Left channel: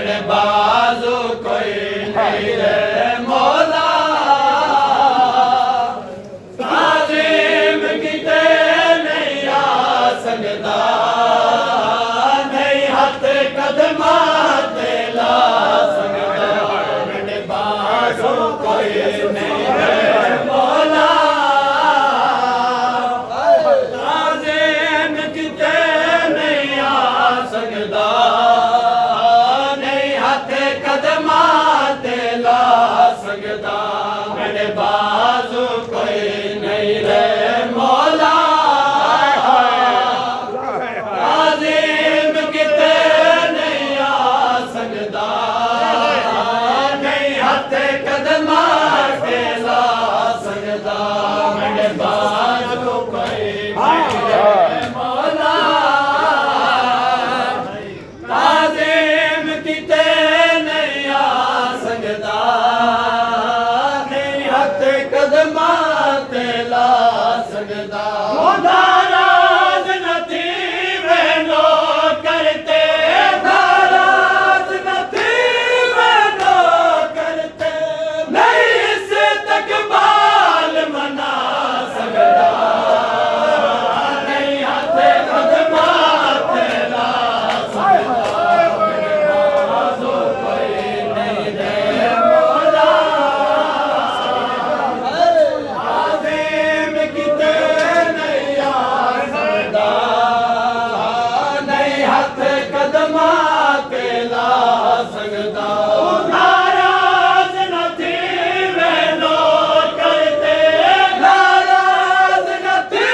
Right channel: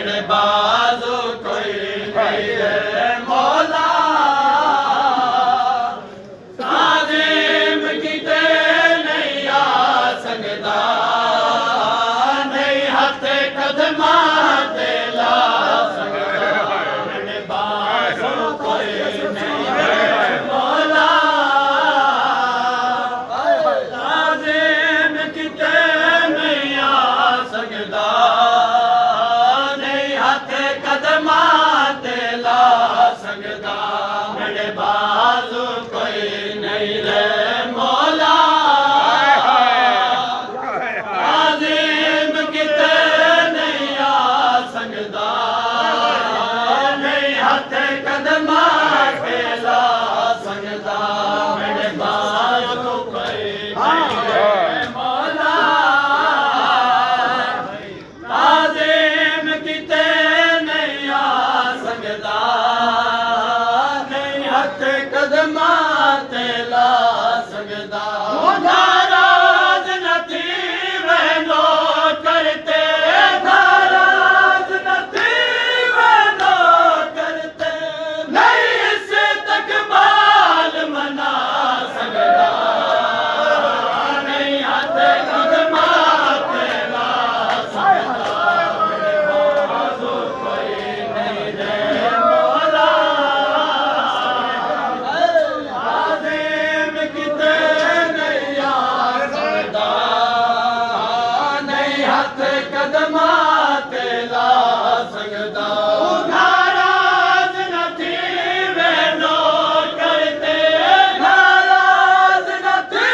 मेरे बाजू कोई नहीं रे मौला ताज़ीम कीते नहीं आ सकदा नहीं हथ कदमा ते ला सकदा मेरे बाजू कोई नहीं रे मौला ताज़ीम कीते नहीं आ सकदा नहीं हथ कदमा ते ला सकदा मेरे बाजू कोई नहीं रे मौला ताज़ीम कीते नहीं आ सकदा नहीं हथ कदमा ते ला सकदा मेरे बाजू कोई नहीं रे मौला ताज़ीम कीते नहीं आ सकदा नहीं हथ कदमा ते ला सकदा नाराज़ न थी वहनो करते नाराज़ न थी वहनो करते नहीं इस तकबाल मना सकदा नहीं हथ कदमा ते ला सकदा मेरे बाजू कोई नहीं रे मौला ताज़ीम कीते नहीं आ सकदा नहीं हथ कदमा ते ला सकदा नाराज़ न थी वहनो करते नाराज़ न थी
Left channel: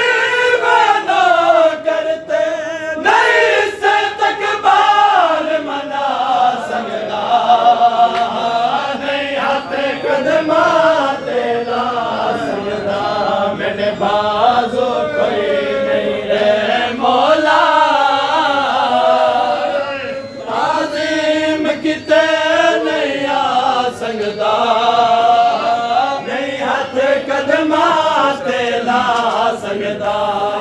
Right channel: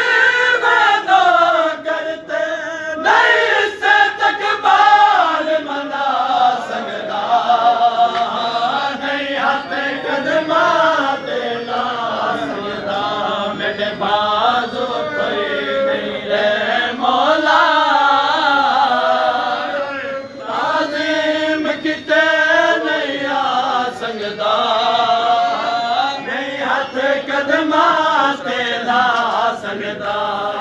वहनो करते नहीं इस तकबाल मना सकदा नहीं हथ कदमा ते ला सकदा मेरे बाजू कोई नहीं रे मौला ताज़ीम कीते नहीं आ सकदा नहीं हथ कदमा ते ला सकदा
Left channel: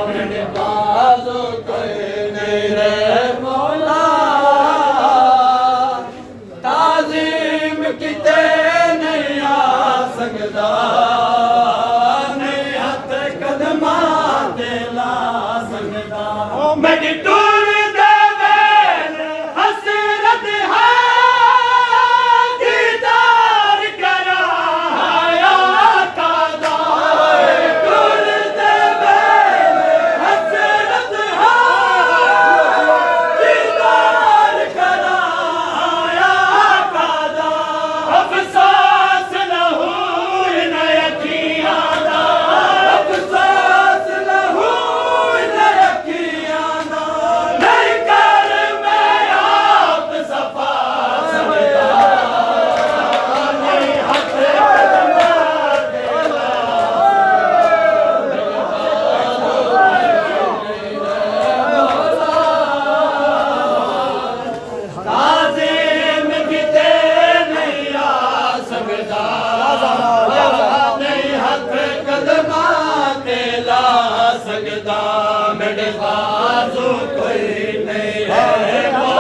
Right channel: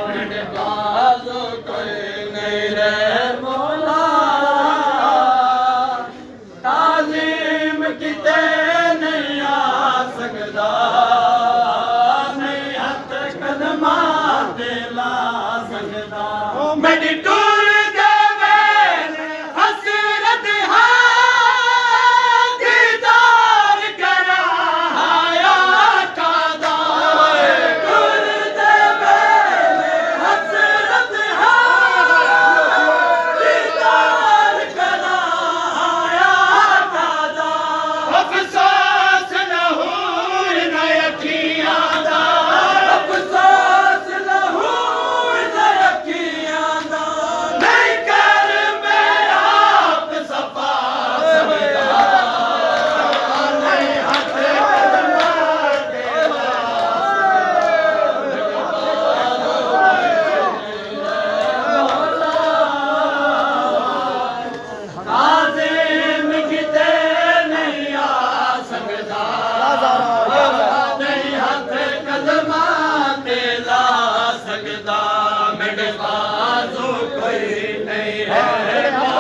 मेरे बाजू कोई नहीं रे मौला ताज़ीम कीते नहीं आ सकदा नहीं हथ कदमा ते ला सकदा मेरी टूर दे वेले हसरत है दीदार कराया कादा टूर दे वेले हसरत है दीदार कराया कादा अफसोस लहू न यकीया दा अफसोस लहू न यकीया दा नहीं कर मैं आप सफा सकदा नहीं हथ कदमा ते ला ताज़ीम कीते नहीं आ सकदा नहीं हथ कदमा ते ला सकदा मेरे बाजू कोई नहीं है